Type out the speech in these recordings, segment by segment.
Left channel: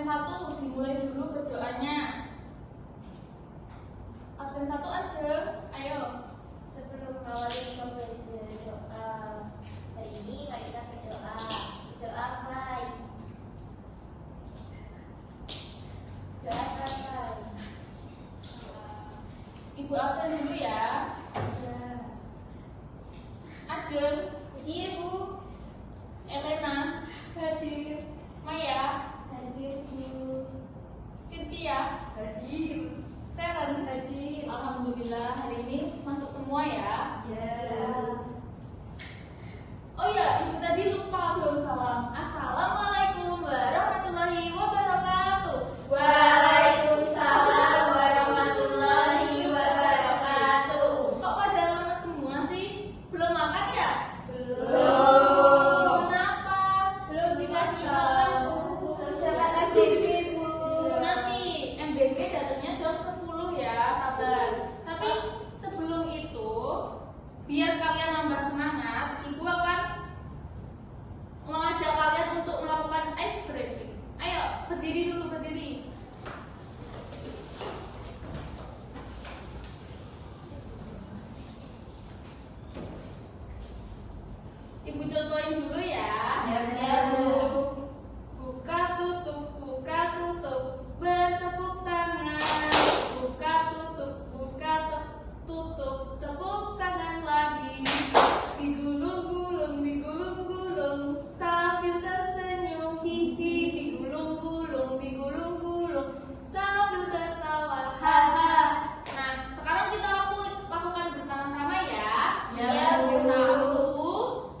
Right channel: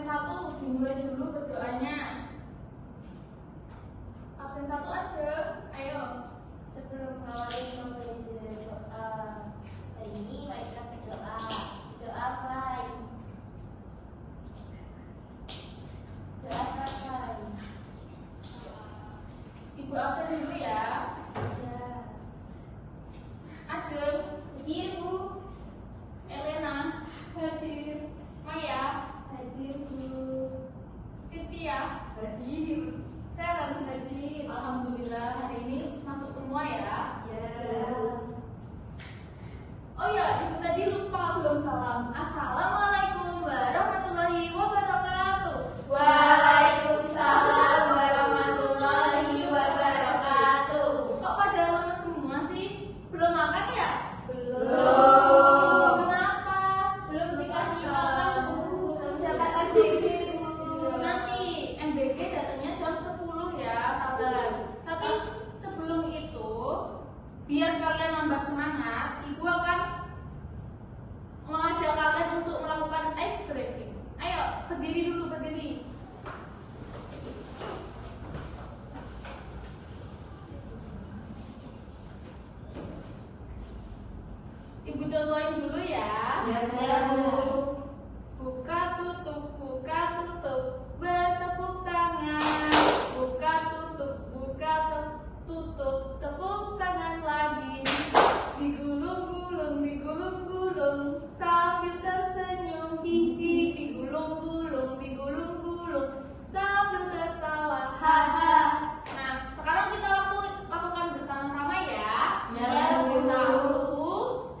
absen 1 dimulai dulu berdoanya. Absen 1 aja, ayo. Sebelum mengawali pembelajaran doa hari ini, mari kita berdoa. Doa baik. Doa selesai. Ibu absen dulu ya. Ya. Ajeng, Hadir, Bu. Elena, hadir. Maya, Hadir, Bu. Cynthia, Hadir. Seren, hadir. Alhamdulillah hari ini masuk semua ya. Ya. Oh ya, itu tadi lupa belum salam. Assalamualaikum warahmatullahi wabarakatuh. Waalaikumsalam warahmatullahi wabarakatuh. Kok pada lemes semua sih? Belum makan ya? Belum. Kenapa? Belum dikasih makan, Bu. Bisa makan dikit, Bu. Nanti MBG datangnya jam 10 ya, sabar. Tapi sebelum itu, biar kalian nambah semangat, Ibu akan mengajak kalian untuk melakukan ice breaking. Ayo, berdiri dulu, berdiri. Ibu contohin dulu ya. Ya, Bu. Buka tutup, bertepuk tangan. Buka tutup, tepuk tangan lagi. Digulung-gulung, sambil tersenyum, hihi. Digulung-gulung, sambil tertawa, haha. Nah, sekarang kita lakukan bersama-sama ya. Ya, Bu.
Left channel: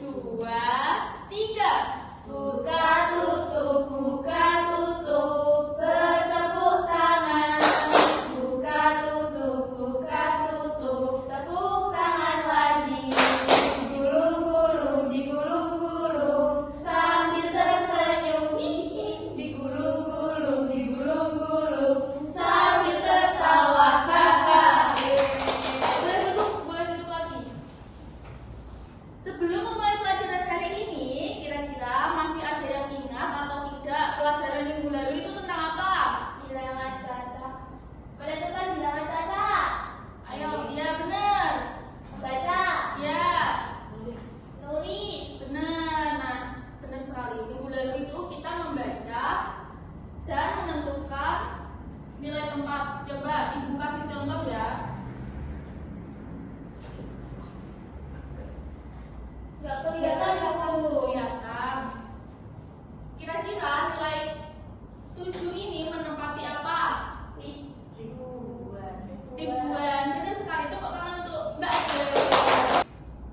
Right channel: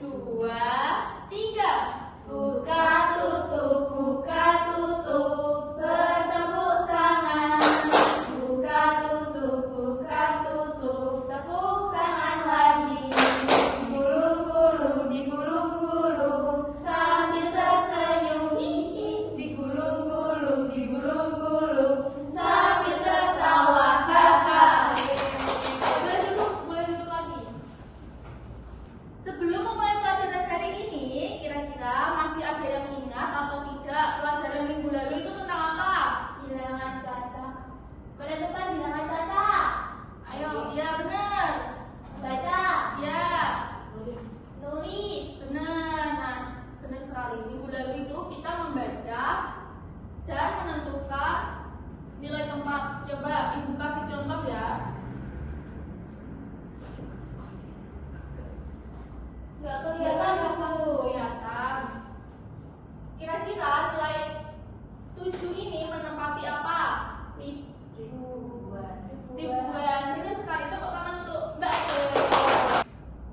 1, 2, 3. Buka tutup, bertepuk tangan. Buka tutup, tepuk tangan lagi. Digulung-gulung, sambil tersenyum, hihi. Digulung-gulung, sambil tertawa, haha. Boleh duduk lagi. Sebelum memulai pelajaran hari ini, kira-kira masih ada yang ingat atau tidak pelajaran minggu lalu itu tentang apa? Bilangan caca. Kalian tuh kan bilangan caca. Ayo, iya benar. Baca. Ya, Nulis. benar. Nah, benar sekali. Minggu lalu itu kita membaca dan menentukan nilai tempat. Coba Ibu kasih contoh ya. Gak kelihatan, Bu. Kelihatan. Kira-kira nilai 7 ini menempati apa? Ribuan. Ribuan. Benar sekali. Tepuk tangan untuk Mbak.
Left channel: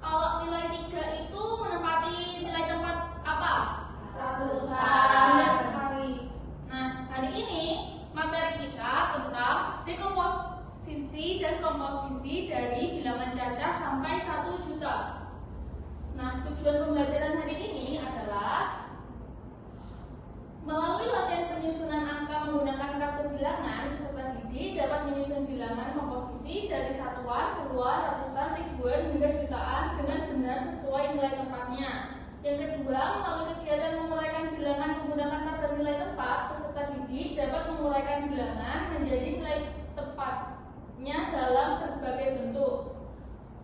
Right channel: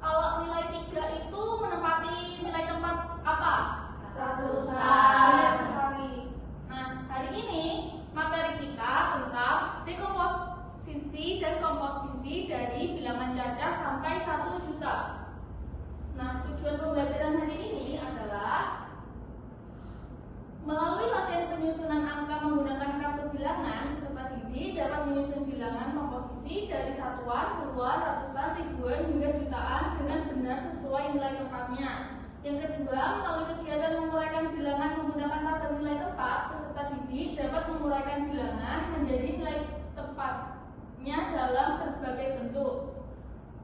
Kalau nilai 3 itu menempati nilai tempat apa? Ratusan. Benar sekali. Nah, hari ini materi kita tentang dekomposisi dan komposisi dari bilangan caca sampai 1 juta. Nah, tujuan pembelajaran hari ini adalah melalui latihan penyusunan angka menggunakan kartu bilangan, peserta didik dapat menyusun bilangan komposisi dari satuan, puluhan, ratusan, ribuan hingga jutaan dengan benar sesuai nilai tempatnya. Yang kedua, melalui kegiatan menguraikan bilangan menggunakan tabel nilai tempat, peserta didik dapat menguraikan bilangan menjadi nilai tepatnya dalam berbagai bentuk.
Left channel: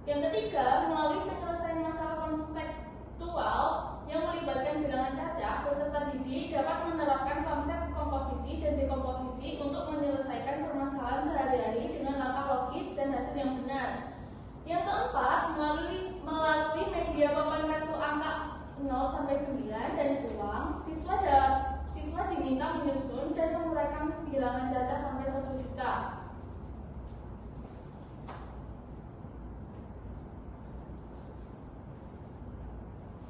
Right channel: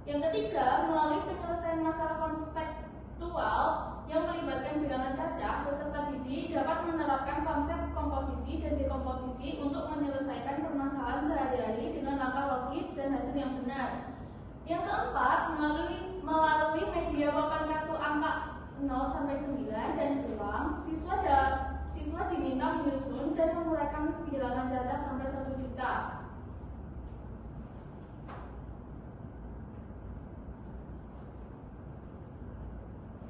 Yang ketiga, melalui penyelesaian masalah konseptual yang melibatkan bilangan caca, peserta didik dapat menerapkan konsep komposisi dan dekomposisi untuk menyelesaikan permasalahan sehari-hari dengan langkah logis dan hasil yang benar. Yang keempat, melalui media papan kartu angka 0 sampai 9 dan uang, siswa diminta menyusun dan menguraikan bilangan caca sampai 1 juta.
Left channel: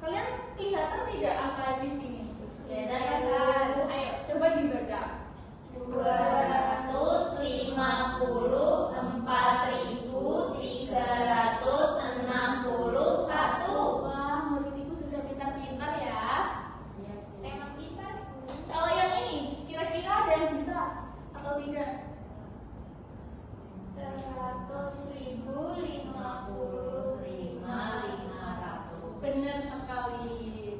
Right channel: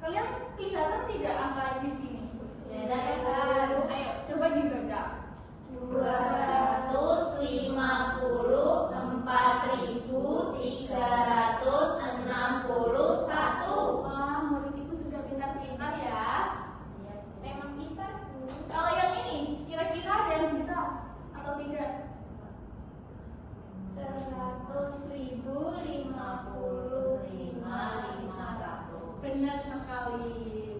Kalian kelihatan tidak angka di sini? Kelihatan. Ayo, coba dibaca. 254.361. Wah, murid ibu sudah pintar-pintar ya. Memang pintar, Bu. Kalau yang ini, kira-kira ada yang bisa atau tidak? 100.055.500. Benar sekali.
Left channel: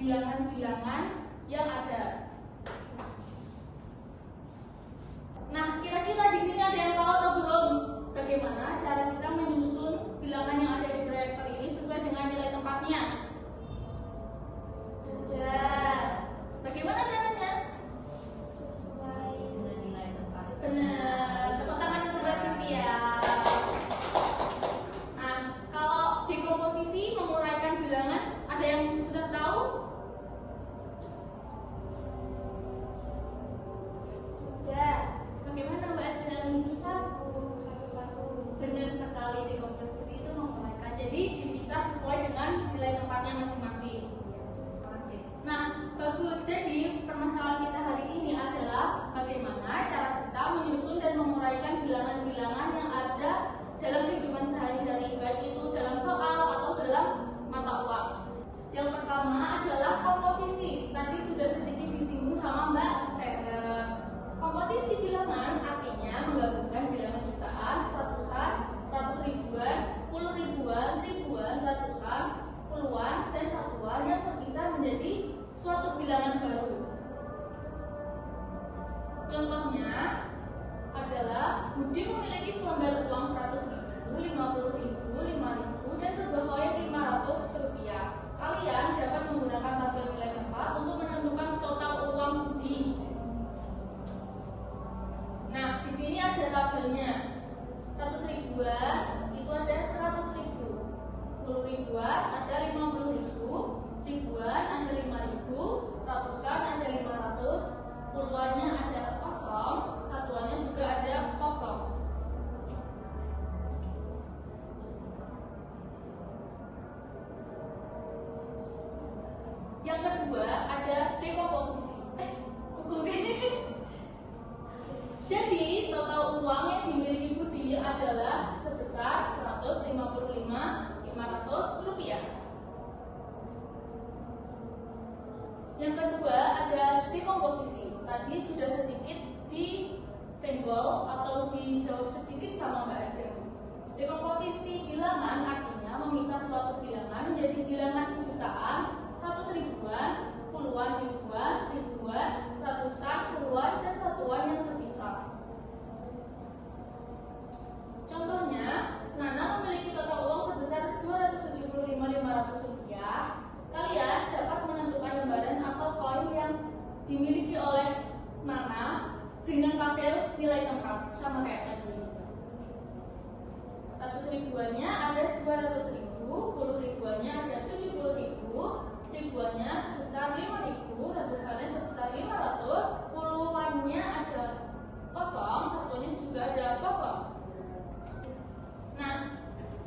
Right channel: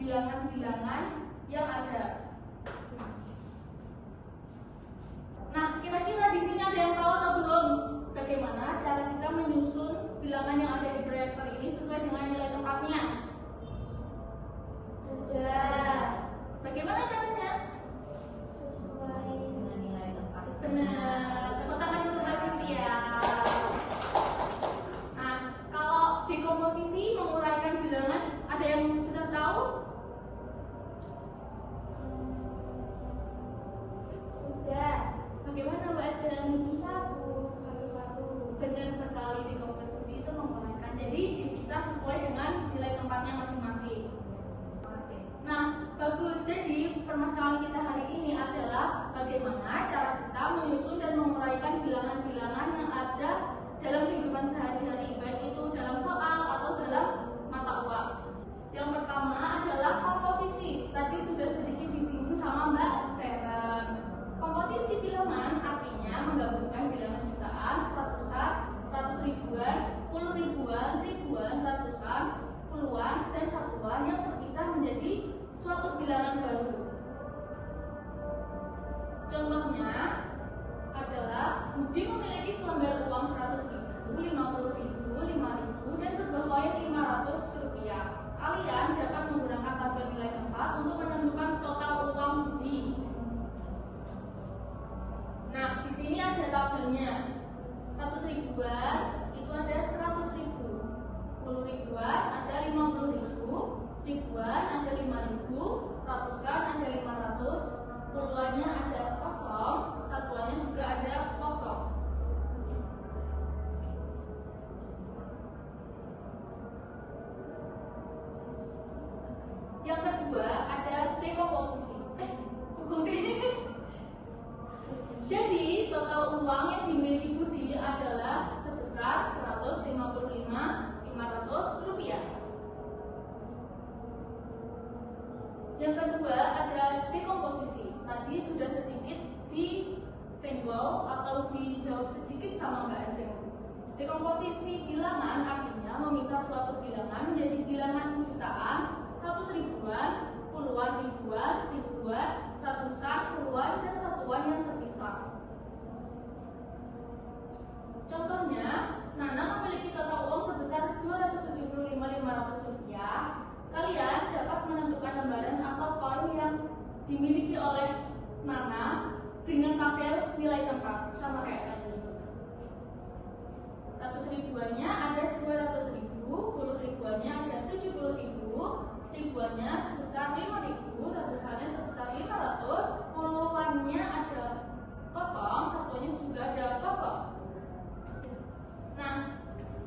bilangan-bilangan yang ada. Nah, kira-kira di sini ada yang tahu atau belum? Bagaimana cara kita menyusun bilangan yang ada di proyektor ini sesuai dengan nilai tempatnya? Sudah. Bagaimana caranya? Sesuai dengan nilai tempat. Benar. Tepuk tangan untuk Mbak Cynthia. Nah, kalau di komposisi menguraikan bilangan, ada yang sudah tahu? Sudah. Bagaimana Mbak Ajeng? Satu-satu. Benar sekali, di komposisi itu menguraikan. Jadi dipisah sesuai dengan nilai tempatnya masing-masing. Nah, bagus. Jadi permasalahan kita hari ini adalah bagaimana cara kita menyusun dan menguraikan bilangan-bilangan yang ada dalam kehidupan sehari-hari, baik itu dalam soal atau dalam mata uang. Yang pertama adalah komposisi. Tadi sudah sedikit disinggung sama Mbak Seren. Komposisi bilangan artinya menggabungkan bilangan jutaan, ratusan, ratus ribuan, puluh ribuan, ribuan, ratusan, puluhan, dan satuan yang terpisah menjadi suatu bilangan baru. Contohnya adalah Budi memiliki selembar uang 100.000, 50.000, 5.000, dan sebuah koin 500 rupiah. Kalian dapat menggunakan tabel nilai tempat untuk menentukan total uang Budi. Nah, di sini ada tabelnya. 100 ribuan itu ada 100.000, 10 ribuan ada 50.000, ribuan ada 5.000, ratusan ada 500, puluhannya ada kosong, satuannya juga ada kosong. Yang kedua ada dekomposisi. Pukul deh. Jadi total uang yang dimiliki Budi adalah sebesar 155.500 rupiah. Yang kedua ada dekomposisi. Tadi sudah sedikit disenggol atau dijawab sedikit sama Mbak Ajeng. Dekomposisi bilangan artinya memisah suatu bilangan menjadi bilangan jutaan, ratus ribuan, puluhan ribuan, ribuan, ratusan, puluhan, dan satuan yang terpisah. Contohnya, Nana memiliki total uang sebesar 275.500 rupiah. Kalian dapat menentukan lembaran atau koin yang dimiliki oleh Nana dengan tabel nilai tempat sama kayak tadi. 100 ribuannya ada 200.000, 10 ribuannya ada 70.000, ribuannya sebesar 5.000, ratusannya sebesar 500, puluhannya ada kosong, satunya juga ada kosong. Nah,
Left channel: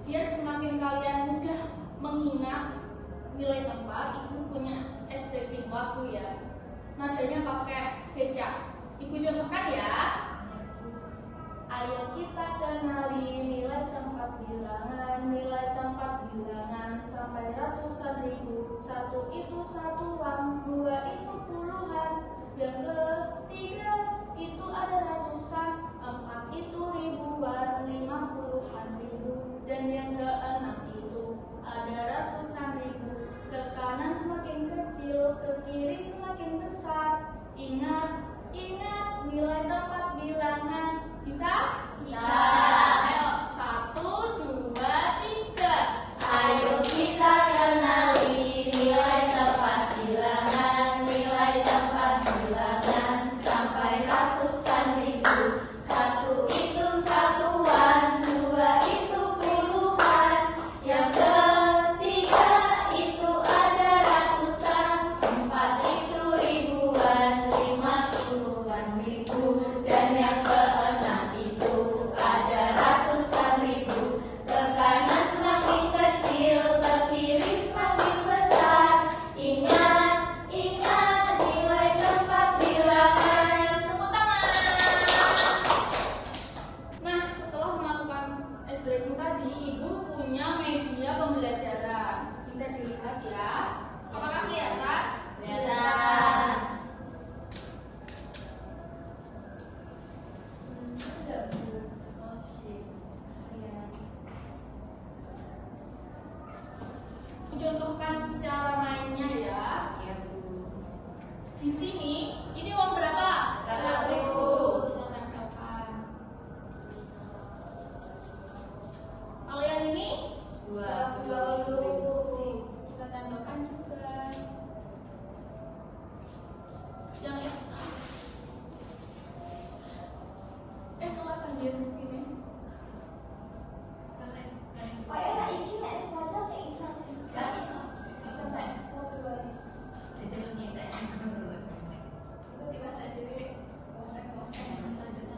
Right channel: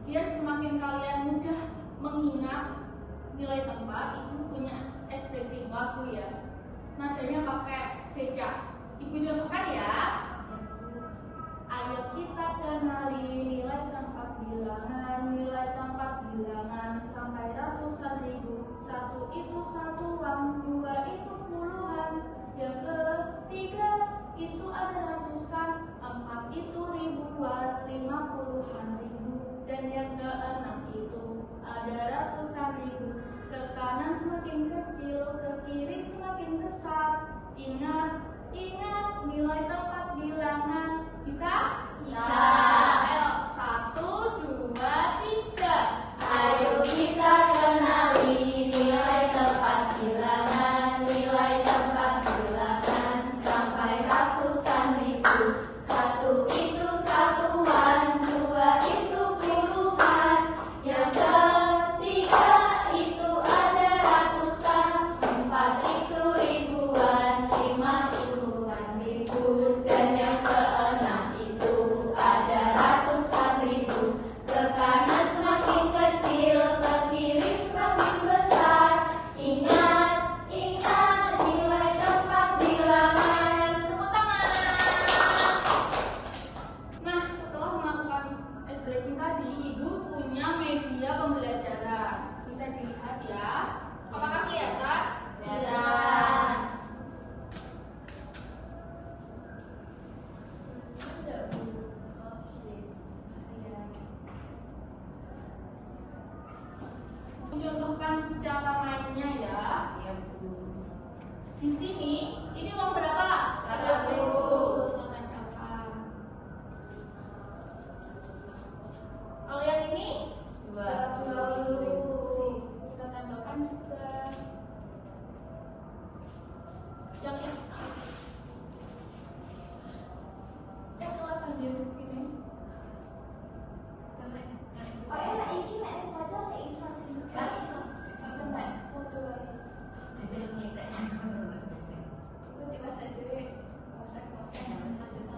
biar semakin kalian mudah mengingat nilai tempat, Ibu punya expressing lagu ya. Nadanya pakai becak. Ibu contohkan ya. Ayo kita kenali nilai tempat bilangan, nilai tempat bilangan sampai ratusan ribu. Satu itu satuan, dua itu puluhan, yang ketiga itu ada ratusan, empat itu ribuan, 50-an ribu, dan yang keenam itu ada ratusan ribu. Ke kanan semakin kecil, ke kiri semakin besar. Ingat, ingat nilai tempat bilangan. Bisa? Bisa. Ayo, 1, 2, 3. Ayo kita kenali nilai tempat bilangan, nilai tempat bilangan sampai ratusan ribu. Satu itu satuan, dua itu puluhan, yang ketiga itu ada ratusan, empat itu ribuan, 50-an ribu, dan yang keenam itu ada Di sini, ini uang berapa? 100. Kita tempelkan. Kalau yang ini 20. kita tempelkan juga. Yang ini kelihatan dia begini. Oh ya, ini nek baca seisa sih. Gak bisa. Sampai foto ae. Itu tiba saja deh. Kosak-kosak selanjutnya.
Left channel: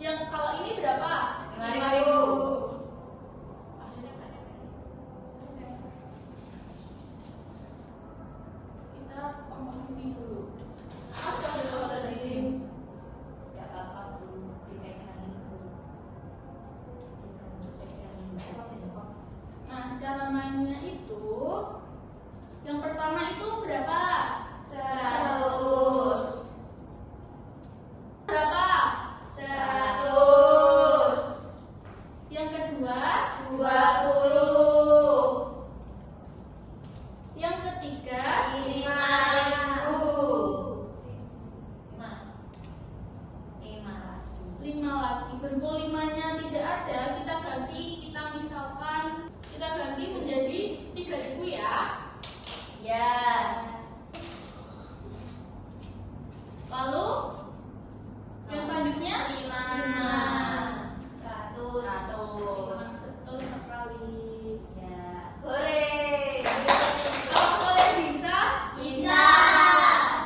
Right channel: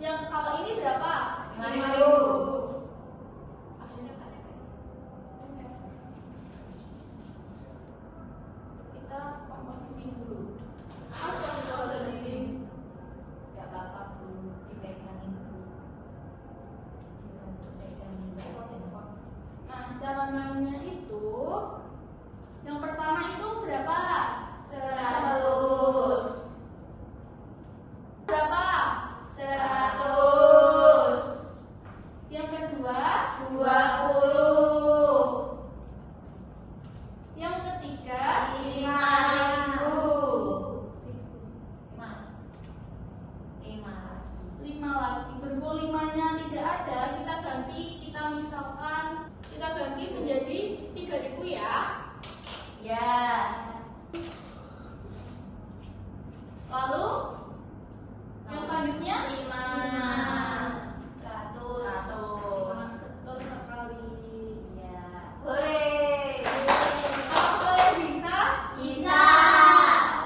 Yang kalau ini berapa? 5.000. Kita komposisi dulu. Mas kalau tahu dari sini. Gak apa-apa, Bu. Dipegangin, Bu. Nah, cara mainnya itu yang pertama itu berapa? 100. Berapa? 100. Yang kedua, 20. yang ketiga, 5.000. 5 lagi. Berhubung limanya tidak ada, kita ganti menjadi 3.000 ya. Ya. Lalu yang selanjutnya 500. Betul sekali. Ya. Hore. Apakah kalian bisa? Bisa.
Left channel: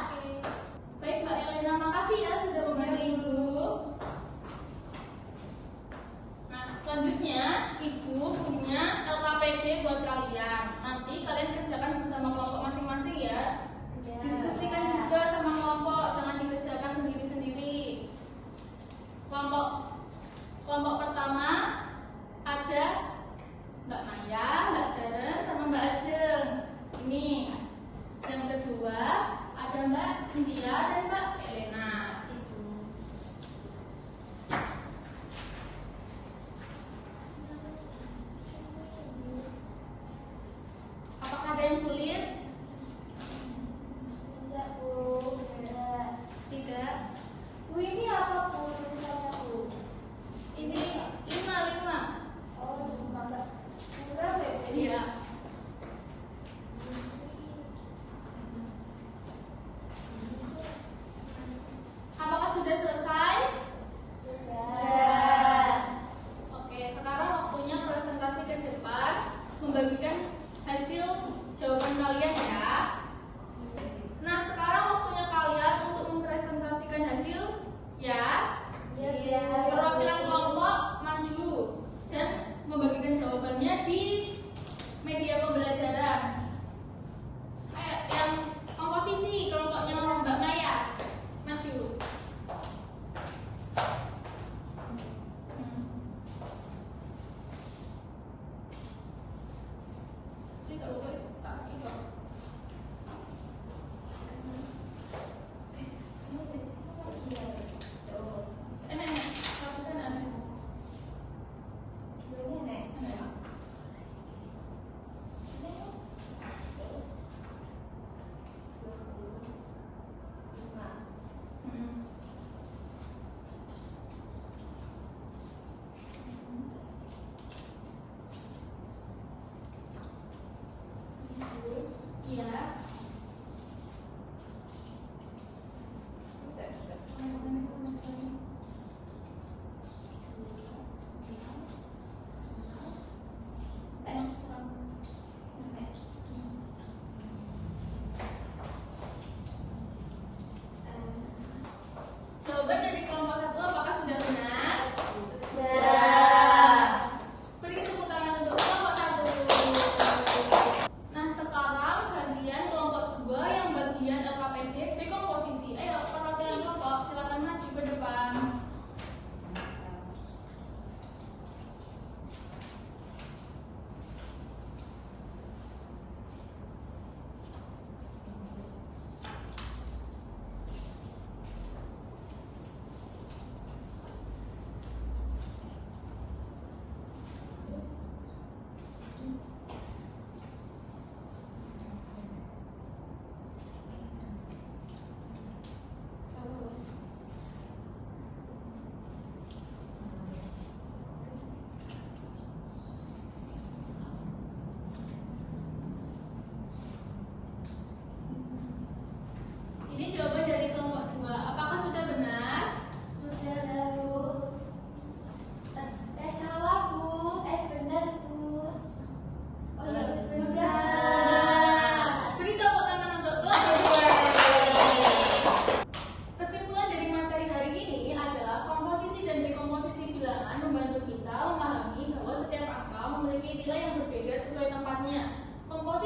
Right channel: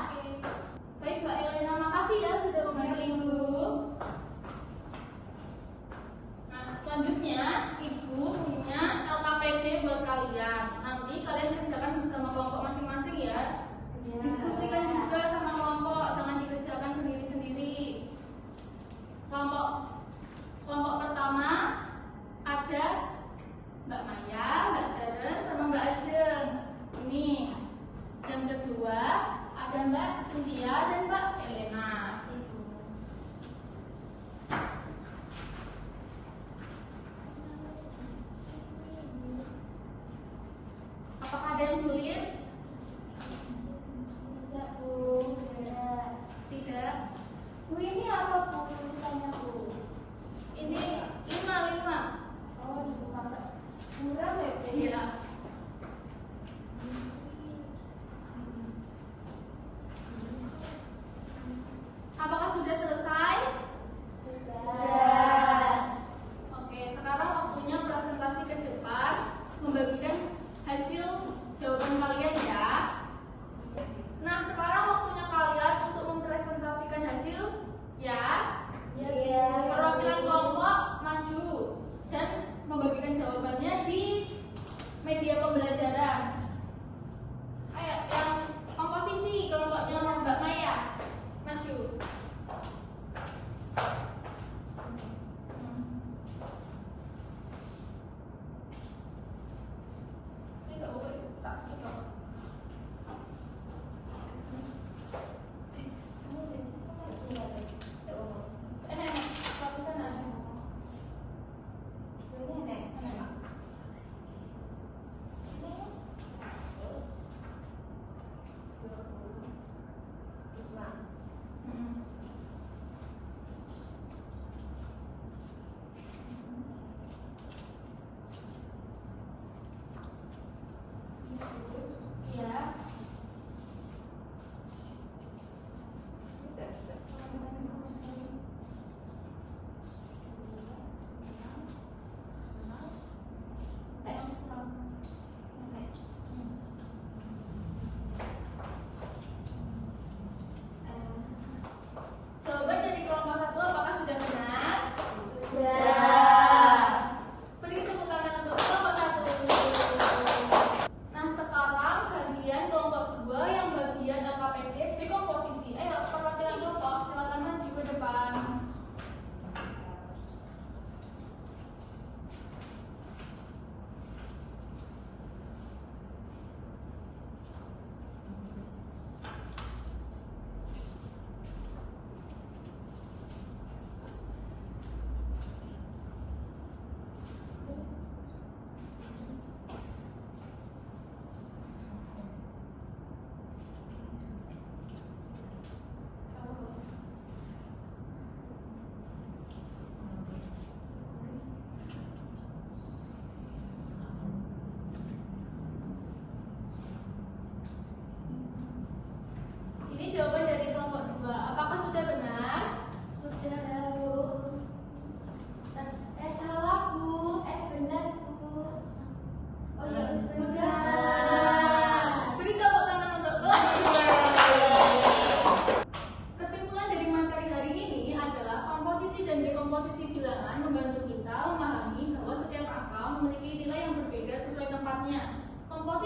Oke. Baik Mbak Elena, makasih ya sudah membantu Ibu. Nah, selanjutnya Ibu punya LKPD buat kalian. Nanti kalian kerjakan bersama kelompok masing-masing ya. Diskusikan juga sama kelompok, jangan dikerjakan sendiri-sendiri. Kelompok pertama ada Mbak Maya, Mbak Seren, sama Mbak Ajeng. Ini. Yang kedua ada Mbak Cynthia dan Mbak Elena. Apakah ada yang sulit? Tidak, Bu. Tidak. Bu, ini apa, Bu, tulisannya, Bu? Ini 5. Oh, agak murah ya, Bu? Iya. Apakah sudah selesai? Sudah. Oke, sekarang waktunya presentasi ke depan, membagikan hasil jawaban kalian ya. Nah, sekarang waktunya kalian untuk mempresentasikan hasil ya. Iya. Perwakilan kelompok maju dan membagikan jawabannya di media pembelajaran. Ayo, yang komposisi kelompoknya Mbak Maya maju.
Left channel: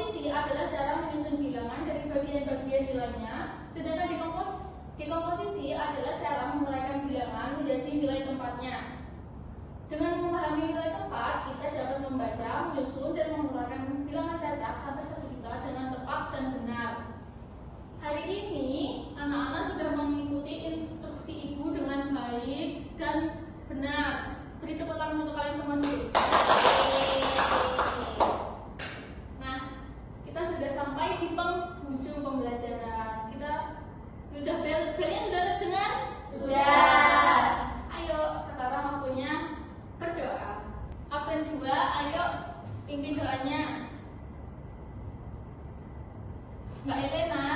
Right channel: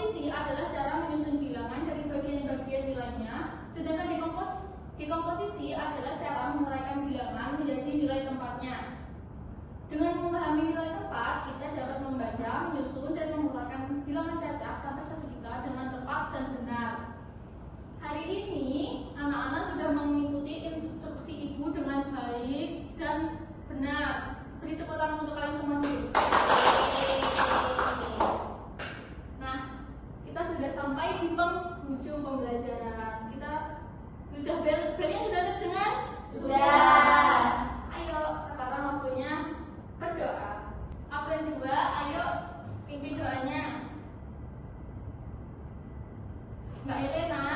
Komposisi adalah cara menyusun bilangan dari bagian-bagian nilainya, sedangkan dekomposisi adalah cara menguraikan bilangan menjadi nilai tempatnya. Dengan memahami nilai tempat, kita dapat membaca, menyusun, dan menguraikan bilangan cacak sampai 1 juta dengan tepat dan benar. Hari ini, anak-anak sudah mengikuti instruksi ibu dengan baik dan benar. Beri tepuk tangan untuk kalian semua dulu. Nah, kita sudah sampai di penghujung pembelajaran. Belnya sudah terdengar? Sudah. Ayo, sekarang waktunya berdoa. Absen 2, ayo pimpin doanya. Mbak Elena.